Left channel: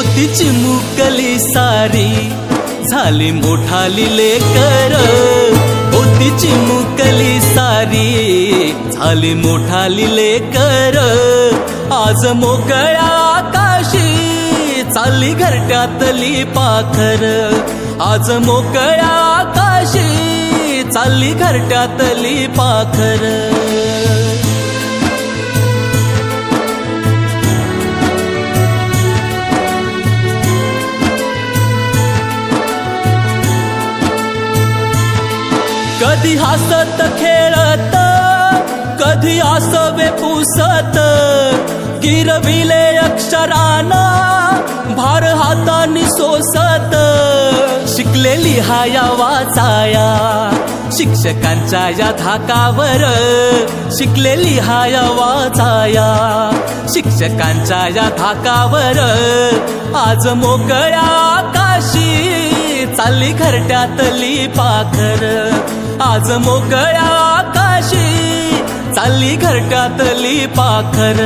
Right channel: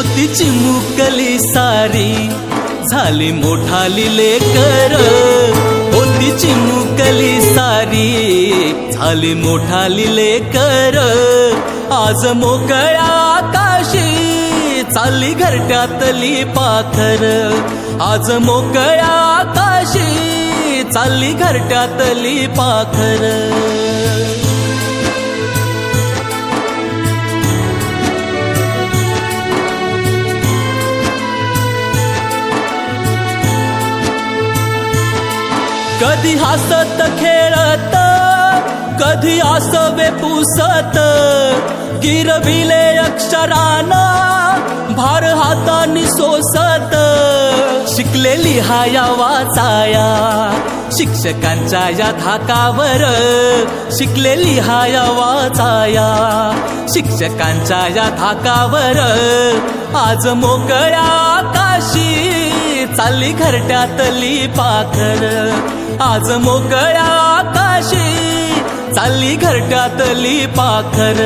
होती चिमुकली सारी झाली मोठाली लेकर, होती चिमुकली सारी झाली मोठाली लेकर, आज मोकळ्या आकाशी चालली घरट्यातली पाखर, आज मोकळ्या आकाशी चालली घरट्यातली पाखर. कधी हसत खेळत, कधी आसवे पुसत, गिरविले अक्षराना भार हातानी सोसत, शिकलेली हाया वाचाया शिक्षकांच्या या धाकावर, शिकलेली हाया वाचाया शिक्षकांच्या या धाकावर, आज मोकळ्या आकाशी चालली घरट्यातली पाखर, आज मोकळ्या आकाशी चालली घरट्यातली पाखर.